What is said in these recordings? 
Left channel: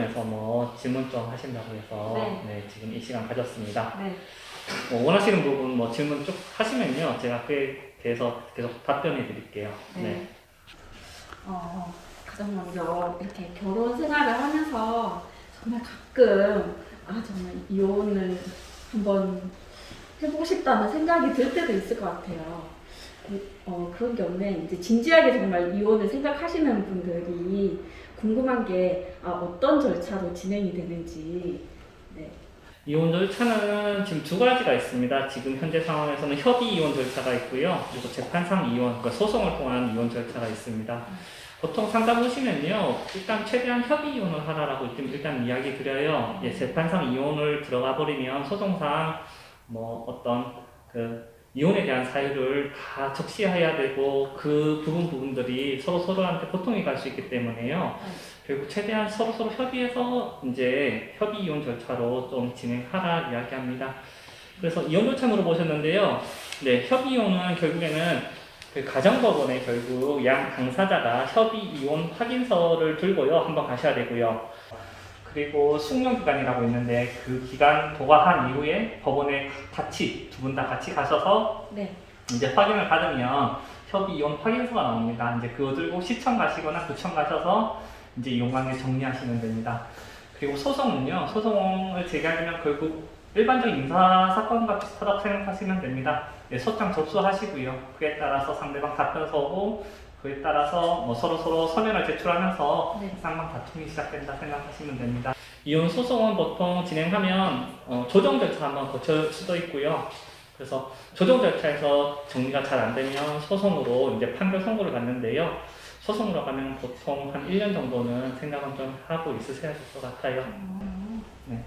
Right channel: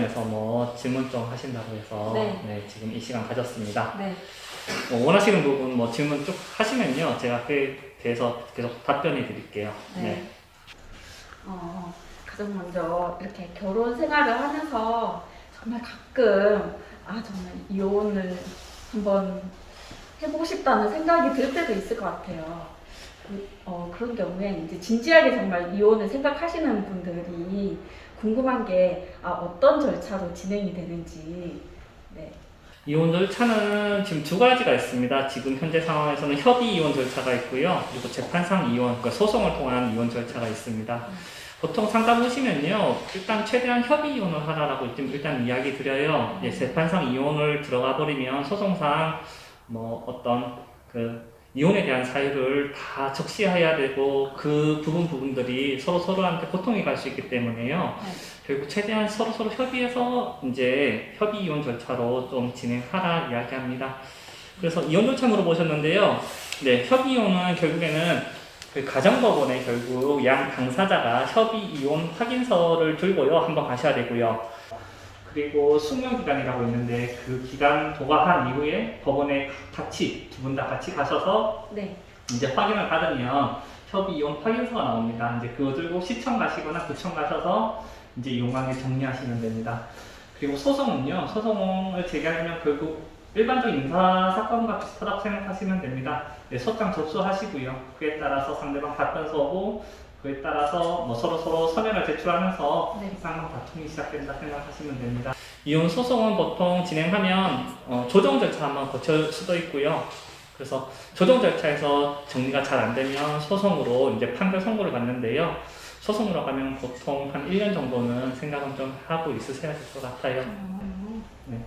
관련해서 뭐 질문 좀 하신다고 해서 네. 네, 지금 이 시간 가졌습니다. 네. 원하시는 부분 뭐 질문 쭉 하시면요, 제가 그에 대해서 계속 답변해 드릴게요. 네. 가장 먼저 이렇게 결혼 생활을 하면서 정말 가끔 정말 이혼을 한번 해보고 싶다는 생각이 들 때도 있을 것 같아요. 그런 경우에 이제 진지하게 정말 이혼을 생각하시는 분들이 궁금한 게 어떤 절차로 진행이 되는지. 네. 이혼 절차는 지금 두 가지가 있습니다. 지금 현재 상황에서는 협의 이혼 절차가 있고요. 그리고 재판상 이혼, 그러니까 소송을 통한 이혼 절차가 있습니다. 보통 상담 오시면요, 일단 최대한 협의 이혼을 하라라고 일단 이야기 드려요. 재판상 이혼을 들어가 버리면 소송상 뭐 어떤 그 이혼에 대한 사유를 다 적시해야 되고 그 부분들이 서로한테 고통이 갈 수 있기 때문에요. 결국 최대한 서로 협의해서 이제 협의 이혼 절차로 좀 진행하라 이야기합니다. 그래서 이혼 절차 물어보셨는데요. 네, 협의 이혼은 결국에는 그 가정법원에 결국 양 당사자가 협의 이혼 확인서를 들고요, 한번 가셔야 되고요. 그리고 숙려기간이라고 있는데 그 기간 도과한 이후에 법원에 같이 두 분 다 같이 가셔서 네. 이제 확인을 받으면 협의 이혼 확인서가 나옵니다. 이제 그거 들고 시청 가시거나 구청 가셔서 이제 이혼관계 정리하시면 됩니다. 그리고 소송은요, 소송을 제기하려면 결국 일반적인 인사사건과 비슷하다고 생각하시면 됩니다. 네, 소장 접수하시고요. 그에 따라서 상대방 답변서 오고 그에 따라서 뭐 서로 서면을 제출하면서 네. 쌍방 다툼이 시작된다 생각하시면 됩니다. 이혼 소송은 보통 진행하면 조정 절차 한번 거칠 수도 있고요. 그래서 조정 절차에서 정리가 잘 안 되면 소송으로 이제 판결 선고를 받는데요. 소송으로 가면 보통 한 1년 정도는 생각은 좀 하고 있으셔야 될 것 같아요. 네.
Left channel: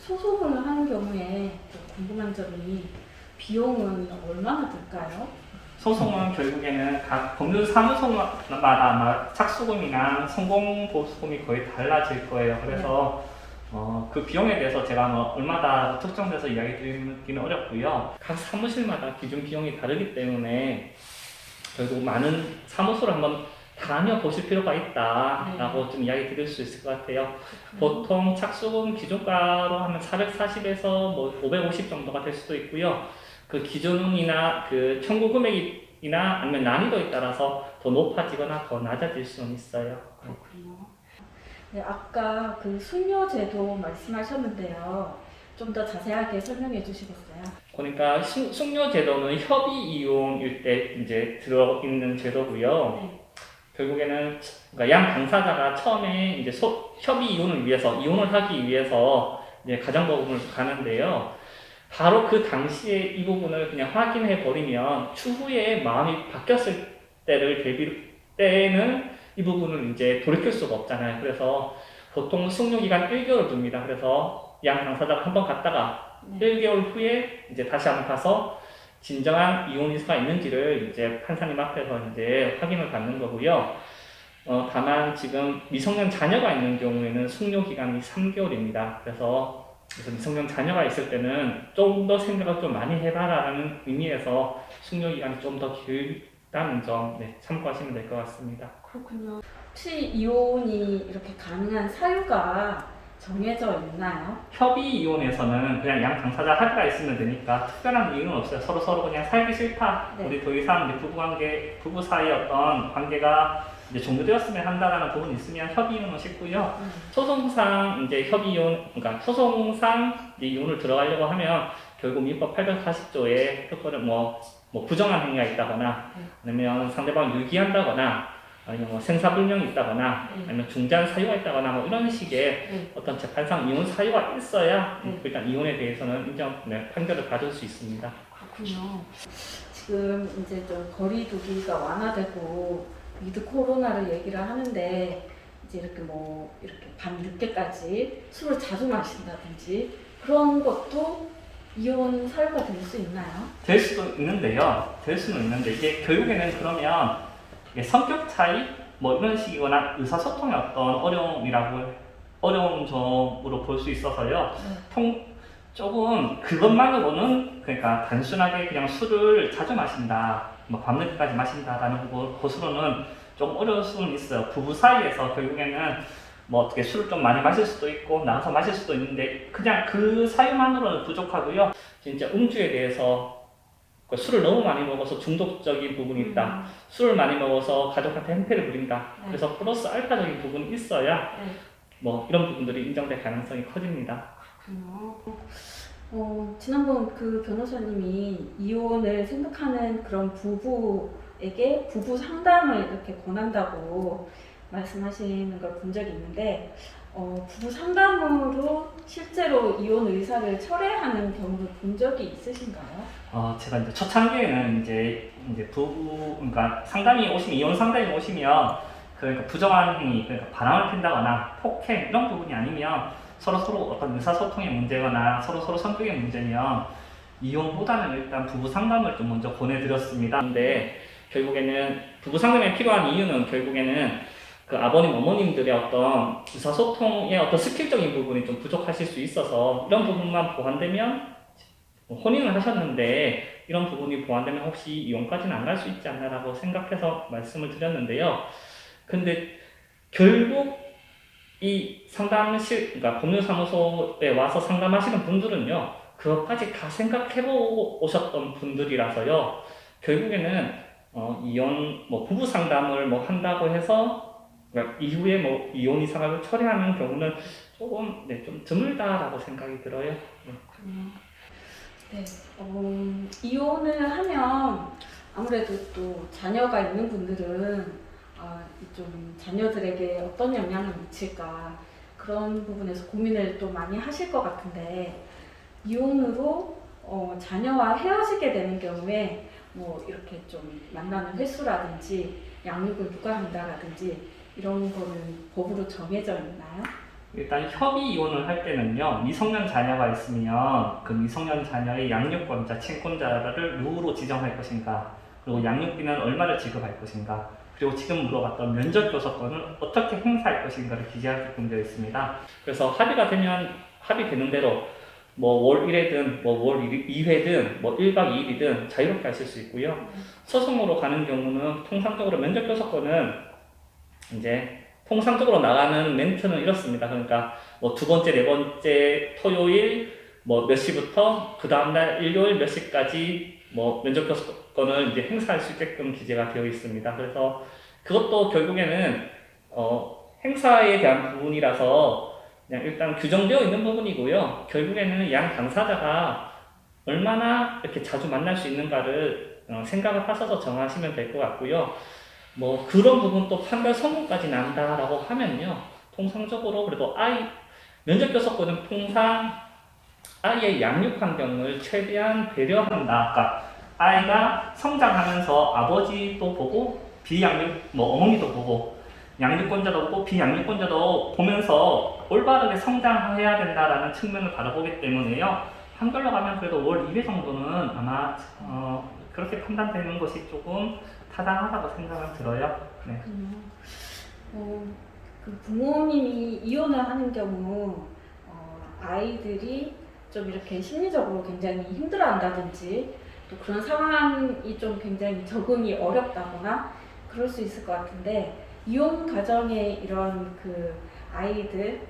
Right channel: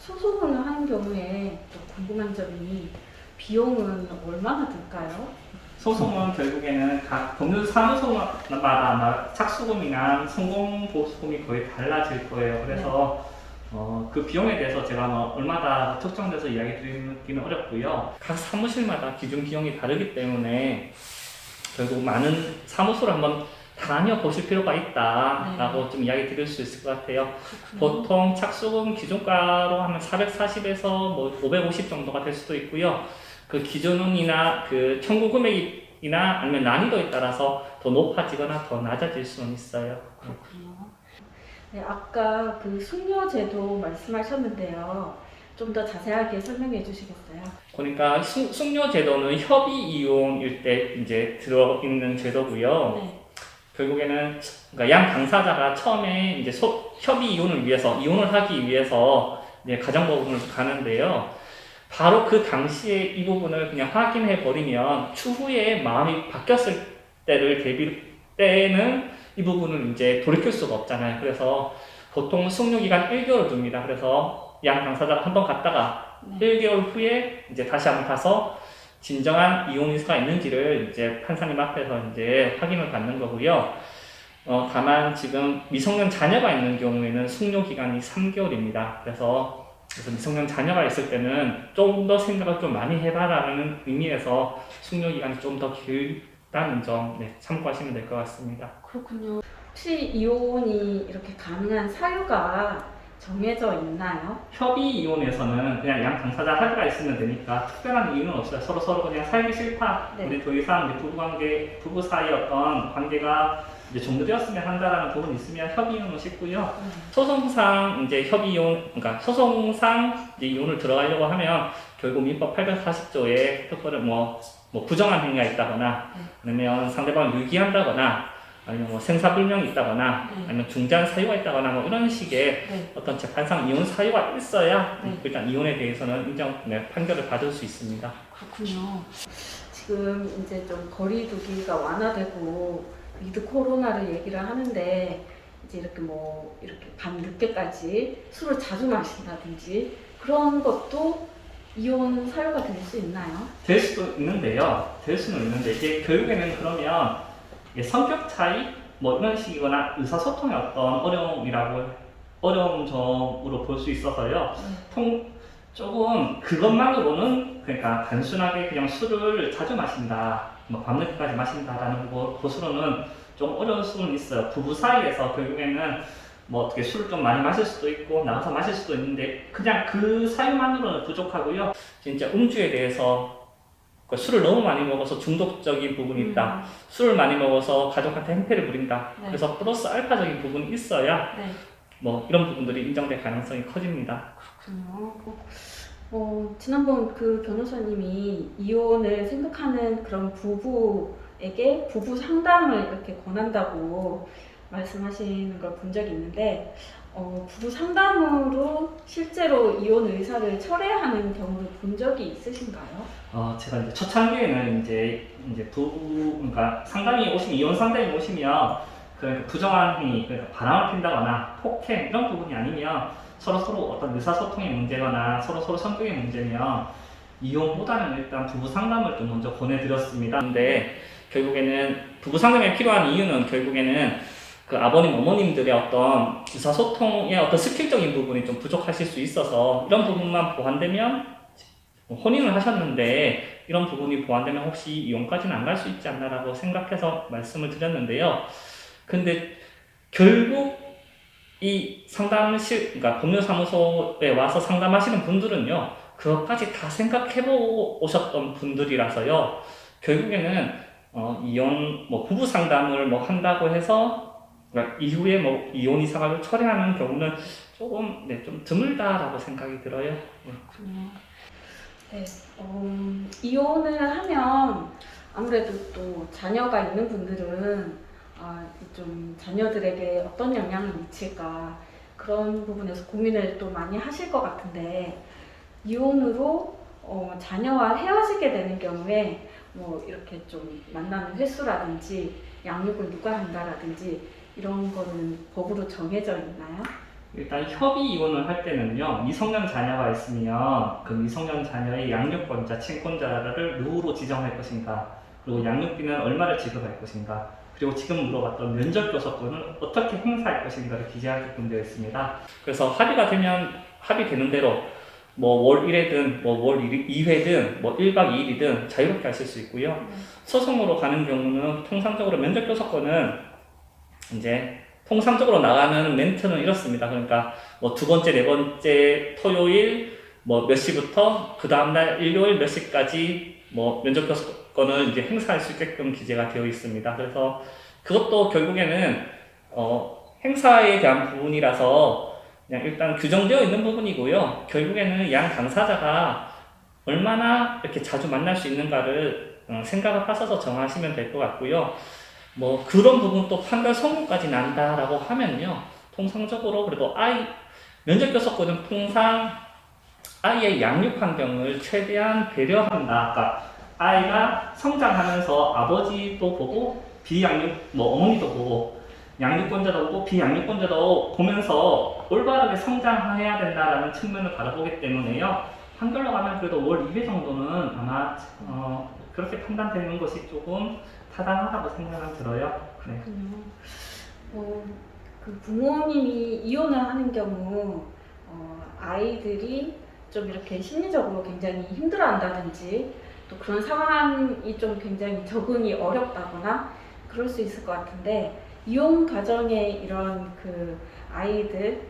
소송을 하는 경우에 좀 궁금한 점이 비용은 얼마나 들까요? 소송은 결국에는 각 법률사무소마다 아마 착수금이나 성공보수금이 거의 달라질 거예요. 그래서 그 비용에 대해서 제가 뭐 얼마나 특정돼서 이야기 드리기는 어렵고요. 각 사무실마다 기준 비용이 다르기 때문에 결국 많은 사무소를 한번 다녀보실 필요가 있다라고 좀 이야기 드릴 수 있을 것 같아요. 보통 착수금 기준가로 하면 440에서 뭐 550 정도가 될 수도 있고요. 그 기준이나 그 청구 금액이나 아니면 난이도에 따라서 더 높아지거나 더 낮아질 수는 있어요. 그렇군요. 네, 아까 그 숙려제도 말씀하셨는데요. 좀 더 자세하게 설명해 주시겠어요? 그러니까 숙려제도는 협의 이용일 때 이제 들어있는 제도고요. 네. 결국에는 그러니까 양 당사자가 처음에 이제 협의 이혼을 위해서 이혼을 하기 위해서 이제 가정법원을 가는데요. 바로 그 당시에 이 부분을 그냥 확인해 버리면 추후에 마음이 바뀌었을 때는 이 부분을 이제 돌이킬 수가 없잖아요. 그래서 보통 숙려기간 1개월 둡니다. 그래서 양 당사자가 한번 갔다가 1개월 후에 이제 다시 한번 가서 진정한 이혼 의사가 있는지를 이제 판사님 앞에서 이제 확인을 받는 거고요. 다만 지금 미성년 자녀가 있는 경우에는 숙려 기간이 3개월입니다. 그래서 미성년 자녀가 있을 때는 좀 더 생각을 좀 많이 해봐라는 의미에서 숙려 기간이 좀 더 길다는 점 참고하시면 될 것 같습니다. 그렇군요. 혹시 이혼이 이렇게 가능한 사유가 정해져 있나요? 협의 이혼에서는 그냥 양 당사자 합의가 있으면 되니까 특별한 이유는 없어요. 서로 그냥 살기 싫다. 네. 우리 더 이상 부부 사이의 어떤 관계가 이제 종료되었으면 한다라는 부분이 있으면 협의 이혼은 쉽고요. 소송상 이제 협의 이혼, 그러니까 소송상 이제 이혼을 들어가려고 하면 결국 민법 840조에 특별히 뭐 부정한 행위가 있다거나 아니면 상대방을 유기한다거나 아니면 뭐 생사불명이 있다거나 아니면 중재한 사유가 있다거나 뭐 이런 식의 어떤 재판상 이혼 사유가 있어야 일단 이혼에 대해서는 판결을 받을 수 있습니다. 그렇군요. 지금 이제 좀 거리두기가 완화되고 위드 코로나를 얘기를 하는데 이제 이렇게 밤 늦게까지 술을 자주 마신다든지 그런 것도 이혼 사유가 될 수 있나요? 될 수도 있는데요. 될 수는 있는데 이게 결국에는 그러면 성격 차이 뭐 이런 식이거나 의사소통의 어떤 어려운 점으로 볼 수 있어서요. 조금 그것만으로는 그러니까 단순하게 그냥 술을 자주 마신다, 뭐 밤늦게까지 마신다라는 것으로는 좀 어려울 수는 있어요. 부부 사이에서 결국에는 뭐 어떻게 술을 좀 많이 마실 수도 있고 나가서 마실 수도 있는데 그냥 그 사유만으로는 부족하고요. 진짜 음주에 대해서 그 술을 너무 많이 먹어서 중독적인 부분이 있다. 술을 많이 먹어서 가족한테 행패를 부린다. 네. 그래서 플러스 알파적인 부분이 있어야 네. 뭐 이런 부분들이 인정될 가능성이 커집니다. 지난번 그 변호사님이 이혼을 생각하는 그런 부부에게 부부 상담을 이렇게 권한다고 말씀하시는 걸 본 적이 있는데, 부부 상담으로 실제로 이혼 의사를 철회하는 경우를 본 적이 있으신가요? 제가 이제 초창기에는 이제 부부, 그러니까 이혼 상담이 오시면, 그러니까 부정한 행위, 그러니까 바람을 핀다거나 폭행, 이런 부분이 아니면 서로 어떤 의사소통의 문제거나 서로 성격의 문제면 이혼보다는 일단 부부 상담을 좀 먼저 보내드렸습니다. 근데 결국에는 부부 상담에 필요한 이유는 결국에는 그 아버님, 어머님들의 어떤 의사소통의 어떤 스킬적인 부분이 좀 부족하실 수 있어서 이런 부분만 보완되면 혼인을 하셨는데 이런 부분이 보완되면 혹시 이혼까지는 안 갈 수 있지 않나라고 생각해서 말씀을 드렸는데요. 근데 결국 이 그러니까 법률사무소에 와서 상담하시는 분들은요, 그것까지 다 생각해보고 오셨던 분들이라서요, 결국에는 이혼, 부부 상담을 한다고 해서, 그러니까 이후에 이혼 이사가를 철회하는 경우는 조금, 좀 드물다라고 생각이 들어요. 네. 네, 이혼을 하면 아무래도 또 자녀가 있는 분들은 좀 자녀들에게 어떤 영향을 미칠까 그런 부분에서 고민을 또 많이 하실 것 같은데, 이혼으로 자녀와 헤어지게 되는 경우에 뭐 이렇게 좀 만나는 횟수라든지 양육을 누가 한다라든지 이런 거는 법으로 정해져 있나요? 일단 협의 이혼을 할 때는요, 미성년 자녀가 있으면 그 미성년 자녀의 양육권자, 친권자를 누구로 지정할 것인가, 그리고 양육비는 얼마를 지급할 것인가, 그리고 지금 물어봤던 면접교섭권을 어떻게 행사할 것인가를 기재하게끔 되어 있습니다. 그래서 합의되는 대로 월 1회든 월 2회든 1박 2일이든 자유롭게 하실 수 있고요. 소송으로 가는 경우는 통상적으로 면접교섭권은 이제 통상적으로 나가는 멘트는 이렇습니다. 그러니까 두 번째, 네 번째 토요일 몇 시부터 그 다음날 일요일 몇 시까지 면접 교섭권을 이제 행사할 수 있게끔 기재가 되어 있습니다. 그래서 그것도 결국에는 행사에 대한 부분이라서 그냥 일단 규정되어 있는 부분이고요. 결국에는 양 당사자가 얼마나 이렇게 자주 만날 수 있는가를 생각을 하셔서 정하시면 될 것 같고요. 그런 부분 또 판별 선고까지 난다라고 하면요, 통상적으로 그래도 면접 교섭권은 통상 아이의 양육 환경을 최대한 배려한다. 그러니까 아이가 성장하면서 아버지도 보고 어머니도 보고 양육권자도 보고 비양육권자도 보면서 올바르게 성장해야 된다라는 측면을 바라보기 때문에요. 한글로 가면 그래도 월 2회 정도는 아마 그렇게 판단되는 것이 조금 타당하다고 생각은 들어요. 네. 그 부모님이 이혼을 하는 경우 아이들이 좀 이렇게 심리적으로 굉장히 힘들어한다든지 또 그런 상황이 좀 굉장히 적응이 어렵다거나 그럴 수 있을 것 같은데, 이혼 가정의 이런 그 아이들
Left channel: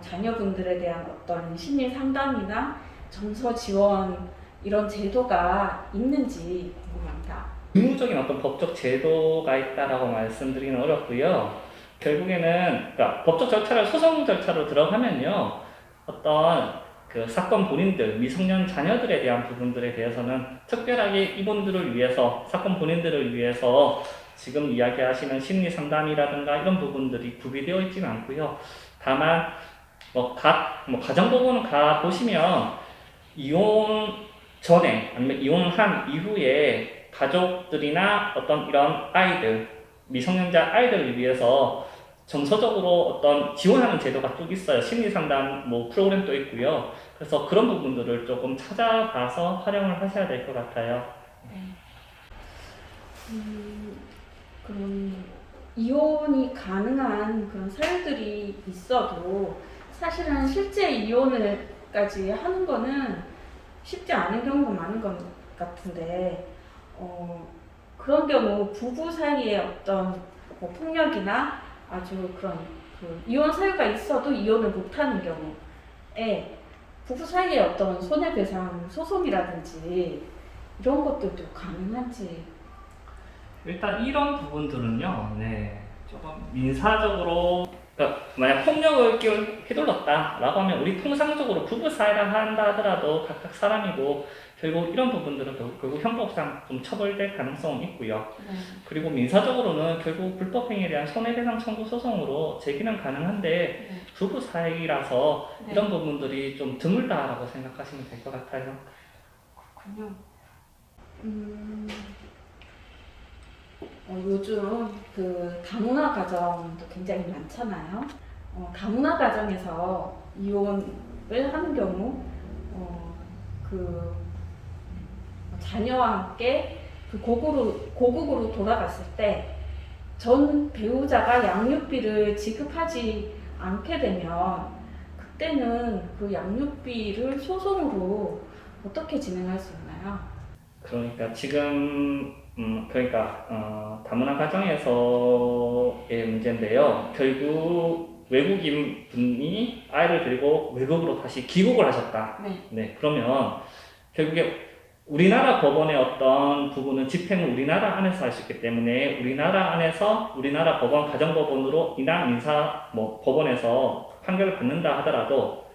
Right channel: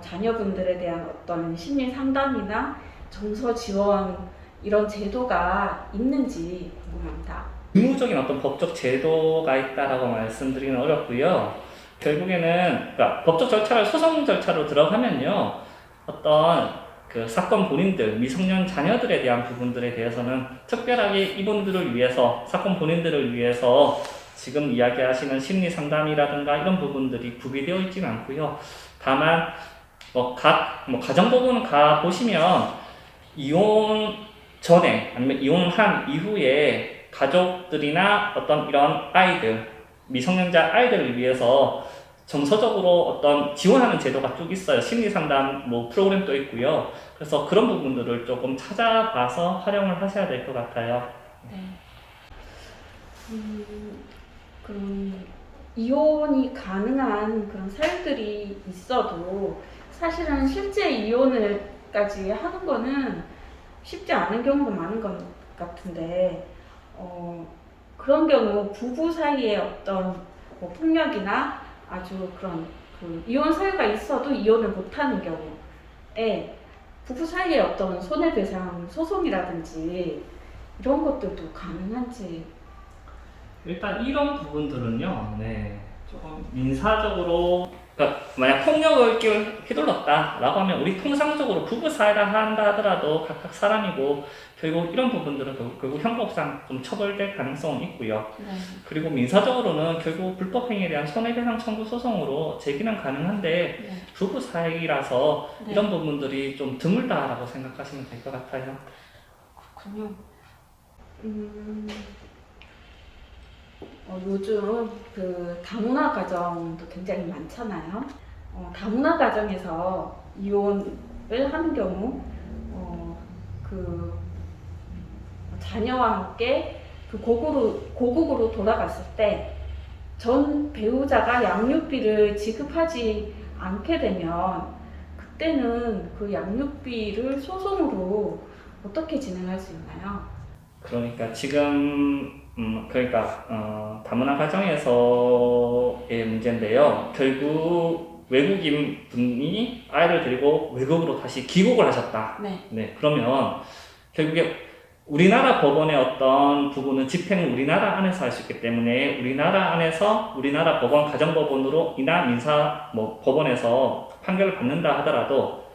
자녀분들에 대한 어떤 심리 상담이나 정서 지원 이런 제도가 있는지 궁금합니다. 의무적인 어떤 법적 제도가 있다라고 말씀드리기는 어렵고요. 결국에는 그러니까 법적 절차를 소송 절차로 들어가면요, 어떤 그 사건 본인들, 미성년 자녀들에 대한 부분들에 대해서는 특별하게 이분들을 위해서, 사건 본인들을 위해서 지금 이야기하시는 심리 상담이라든가 이런 부분들이 구비되어 있지는 않고요. 다만 가정 부분을 가 보시면 이혼 전에 아니면 이혼한 이후에 가족들이나 어떤 이런 아이들, 미성년자 아이들을 위해서 정서적으로 어떤 지원하는 제도가 쭉 있어요. 심리상담 프로그램도 있고요. 그래서 그런 부분들을 조금 찾아봐서 활용을 하셔야 될 것 같아요. 네. 그럼 이혼이 가능한 그런 사유들이 있어도 사실은 실제 이혼을까지 하는 거는 쉽지 않은 경우가 많은 것 같은데, 그런 경우 부부 사이에 어떤 폭력이나 아주 그런 그 이혼 사유가 있어도 이혼을 못하는 경우에 부부 사이에 어떤 손해배상 소송이라든지 이런 것들도 가능한지. 일단 이런 부분들은요, 네, 조금 민사적으로, 그러니까 만약 폭력을 휘둘렀다라고 하면 우리 통상적으로 부부 사이라 한다 하더라도 각각 사람이고 결국 이런 부분들은 결국 형법상 좀 처벌될 가능성은 있고요. 네. 그리고 민사적으로는 결국 불법행위에 대한 손해배상 청구 소송으로 제기는 가능한데 네. 부부 사이라서 네. 이런 부분들이 좀 드물다라고 생각하시면 될 것 같아요. 그렇군요. 요즘 그 다문화 가정도 굉장히 많잖아요. 다문화 가정에서 이혼을 하는 경우, 그 자녀와 함께 그 고국으로 돌아갔을 때 전 배우자가 양육비를 지급하지 않게 되면 그때는 그 양육비를 소송으로 어떻게 진행할 수 있나요? 그러니까 지금 그러니까 다문화 가정에서의 문제인데요. 결국 외국인 분이 아이를 데리고 외국으로 다시 귀국을 하셨다. 네. 네, 그러면 결국에 우리나라 법원의 어떤 부분은 집행은 우리나라 안에서 할 수 있기 때문에 우리나라 안에서 우리나라 법원 가정법원으로 이나 민사 법원에서 판결을 받는다 하더라도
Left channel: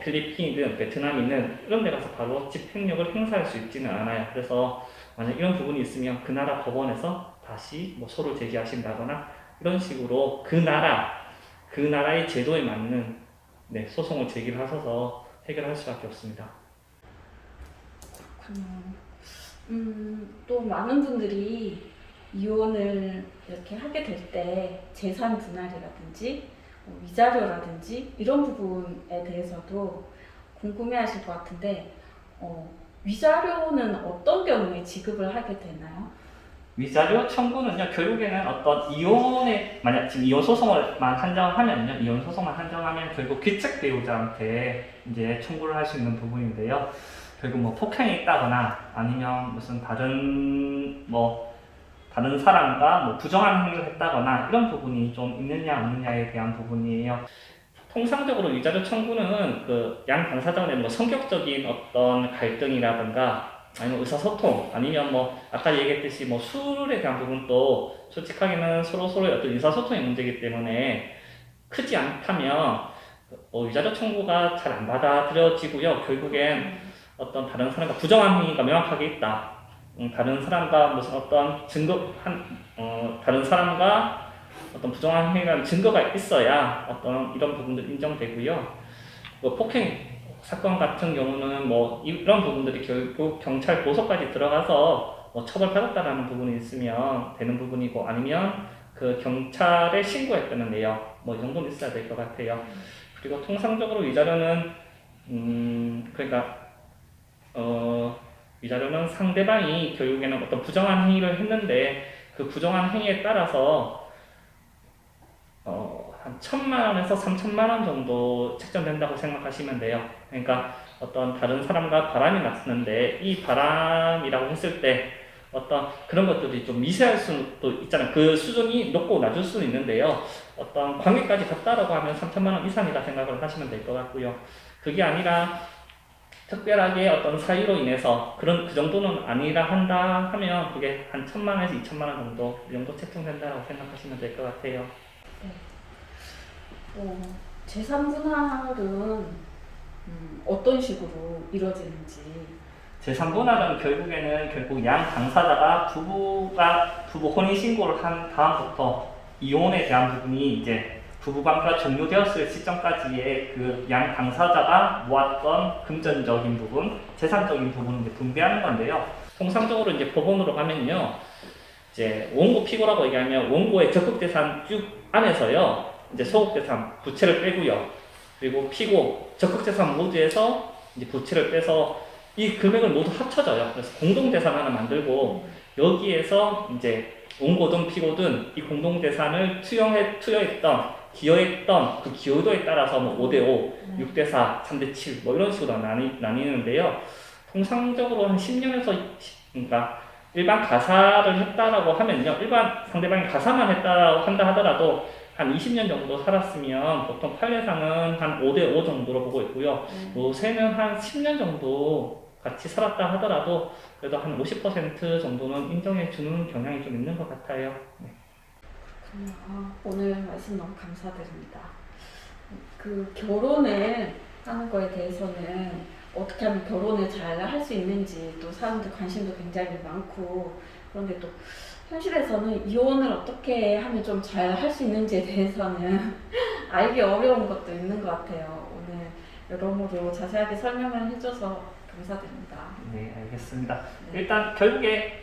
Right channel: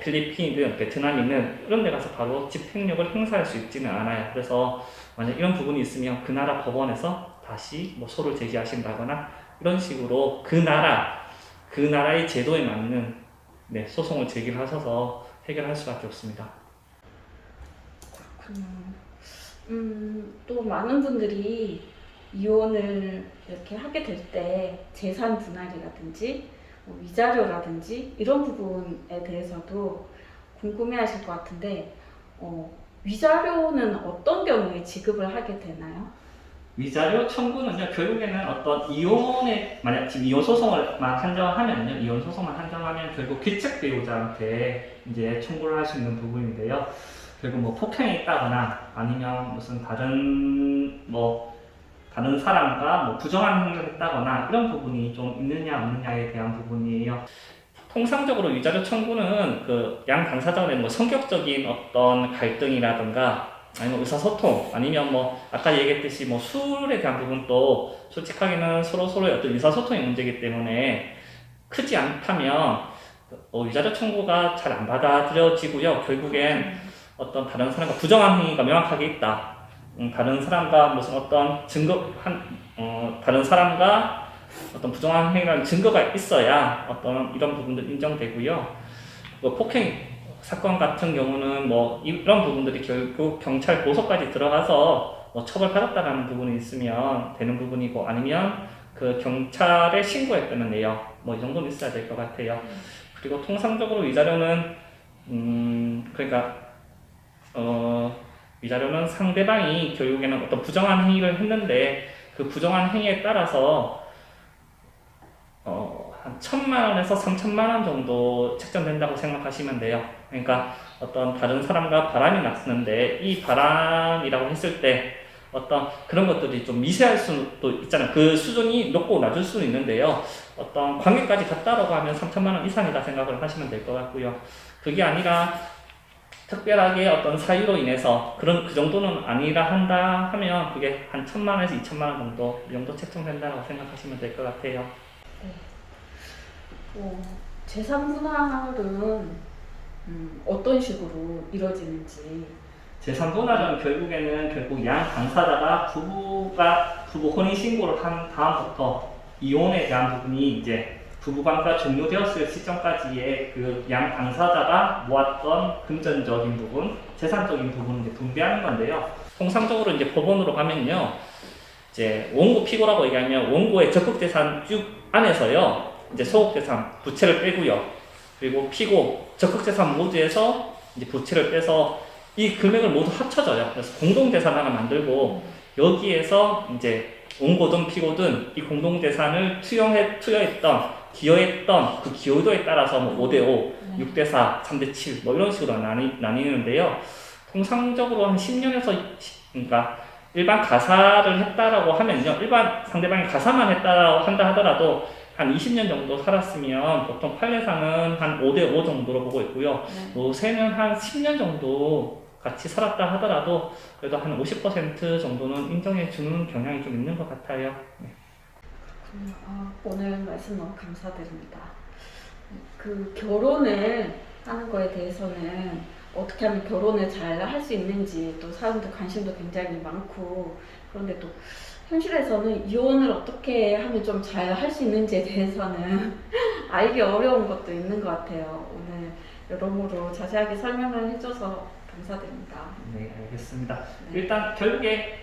필리핀이든 베트남이든 이런 데 가서 바로 집행력을 행사할 수 있지는 않아요. 그래서 만약 이런 부분이 있으면 그 나라 법원에서 다시 소를 제기하신다거나 이런 식으로 그 나라의 제도에 맞는 소송을 제기를 하셔서 해결할 수밖에 없습니다. 또 많은 분들이 이혼을 이렇게 하게 될 때 재산 분할이라든지 위자료라든지 이런 부분에 대해서도 궁금해하실 것 같은데 위자료는 어떤 경우에 지급을 하게 되나요? 위자료 청구는요, 결국에는 어떤 만약 지금 이혼 소송을만 한정을 하면요, 이혼 소송만 한정하면 결국 귀책 배우자한테 이제 청구를 할 수 있는 부분인데요. 결국 폭행이 있다거나 아니면 무슨 다른 사람과 부정한 행위를 했다거나 이런 부분이 좀 있느냐 없느냐에 대한 부분이에요. 통상적으로 위자료 청구는 그 양 당사자 간의 성격적인 어떤 갈등이라든가 아니면 의사소통 아니면 아까 얘기했듯이 술에 대한 부분도 솔직하게는 서로의 어떤 의사소통의 문제이기 때문에 크지 않다면 위자료 청구가 잘 안 받아들여지고요. 결국엔 어떤 다른 사람과 부정한 행위가 명확하게 있다. 다른 사람과 무슨 어떤 다른 사람과 어떤 부정한 행위라는 증거가 있어야 어떤 이런 부분들 인정되고요. 폭행 사건 같은 경우는 이런 부분들이 결국 경찰 고소까지 들어가서 처벌받았다라는 부분이 있으면 되는 부분이고 아니면 그 경찰에 신고했다는 내용 이 정도는 있어야 될 것 같아요. 그리고 통상적으로 위자료는 그러니까 위자료는 상대방이 결국에는 어떤 부정한 행위를 했는데 그 부정한 행위에 따라서 한 1,000만 원에서 3,000만 원 정도 책정된다고 생각하시면 돼요. 그러니까 어떤 다른 사람과 바람이 났는데 이 바람이라고 했을 때 어떤 그런 것들이 좀 미세할 수도 있잖아요. 그 수준이 높고 낮을 수는 있는데요. 어떤 관계까지 갔다라고 하면 3,000만 원 이상이다 생각을 하시면 될 것 같고요. 그게 아니라 특별하게 어떤 사유로 인해서 그 정도는 아니라 한다 하면 그게 한 1,000만 원에서 2,000만 원 정도 이 정도 책정된다고 생각하시면 될 것 같아요. 재산 분할은 어떤 식으로 이루어지는지. 재산 분할은 결국 양 당사자가 부부 혼인 신고를 한 다음부터 이혼에 대한 부분이 이제 부부관계가 종료되었을 시점까지의 그 양 당사자가 모았던 금전적인 부분, 재산적인 부분을 분배하는 건데요. 통상적으로 이제 법원으로 가면요, 이제 원고 피고라고 얘기하면 원고의 적극 재산 쭉 안에서요, 이제 소극 재산 부채를 빼고요, 그리고 피고 적극 재산 모두에서 이제 부채를 빼서 이 금액을 모두 합쳐져요. 그래서 공동 재산 하나 만들고 여기에서 이제 원고든 피고든 이 공동 재산을 투여했던 기여했던 그 기여도에 따라서 5대5, 6대4, 3대7 이런 식으로 나뉘는데요. 통상적으로 한 10년에서 그러니까 일반 가사를 했다라고 하면요. 일반 상대방이 가사만 했다라고 한다 하더라도 한 한 20년 정도 살았으면 보통 판례상은 한 5대5 정도로 보고 있고요. 네. 요새는 한 10년 정도 같이 살았다 하더라도 그래도 한 50% 정도는 인정해 주는 경향이 좀 있는 것 같아요. 네. 오늘 말씀 너무 감사드립니다. 그 결혼을 하는 거에 대해서는 어떻게 하면 결혼을 잘 할 수 있는지 또 사람들 관심도 굉장히 많고, 그런데 또 현실에서는 이혼을 어떻게 하면 좀 잘 할 수 있는지에 대해서는 알기 어려운 것도 있는 것 같아요. 오늘 여러모로 자세하게 설명을 해줘서 감사드립니다. 네, 알겠습니다. 네. 일단 결국에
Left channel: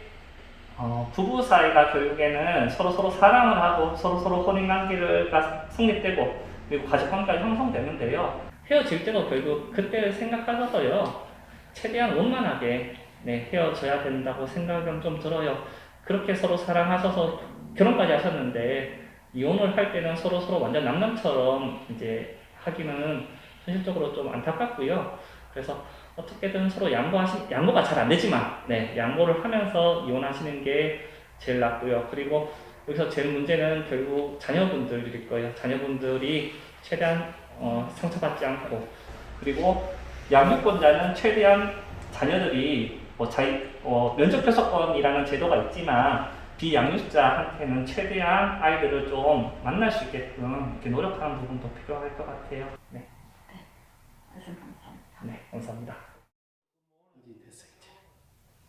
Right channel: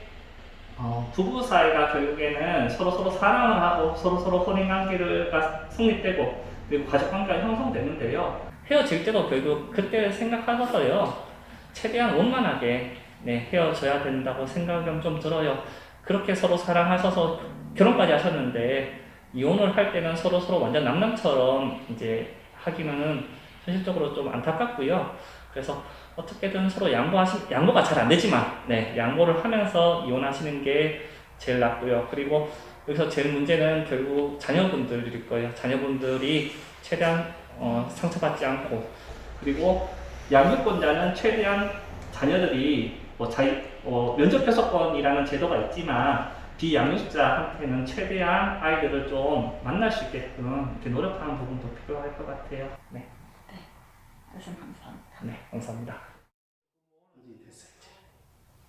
부부 사이가 결국에는 서로 사랑을 하고 서로 혼인 관계가 성립되고 그리고 가족 관계가 형성되는데요. 헤어질 때도 결국 그때를 생각하셔서요. 최대한 원만하게 헤어져야 된다고 생각은 좀 들어요. 그렇게 서로 사랑하셔서 결혼까지 하셨는데 이혼을 할 때는 서로 완전 남남처럼 이제 하기는 현실적으로 좀 안타깝고요. 그래서 어떻게든 서로 양보가 잘 안 되지만, 양보를 하면서 이혼하시는 게 제일 낫고요. 그리고 여기서 제일 문제는 결국 자녀분들일 거예요. 자녀분들이 최대한 상처받지 않고, 그리고 양육권자는 최대한 자녀들이 면접 교섭권이라는 제도가 있지만 비양육자한테는 최대한 아이들을 좀 만날 수 있게끔 이렇게 노력하는 부분도 필요할 것 같아요. 네, 말씀 감사합니다. 네, 감사합니다.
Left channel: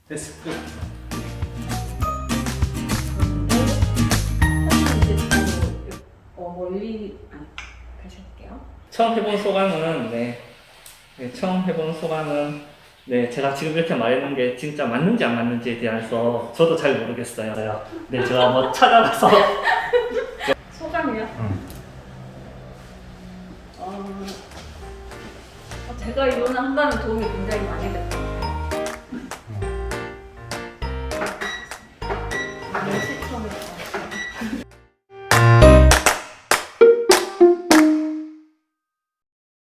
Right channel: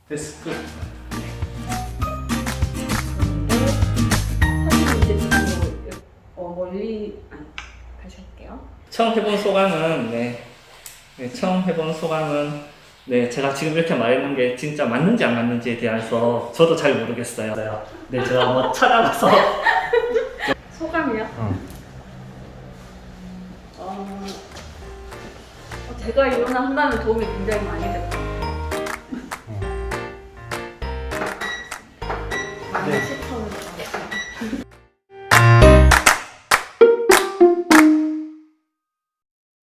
됐어. 끝. 다시 할게요. 처음 해본 소감은 처음 해본 소감은 제가 지금 이렇게 말했는 게 진짜 맞는지 안 맞는지에 대해서 저도 잘 모르겠어요. 네, 제가 뭐 찾아가서 소감이요? 제가 이혼을 한다면 도움이 굉장히 많이 됐어요. 많은 시청을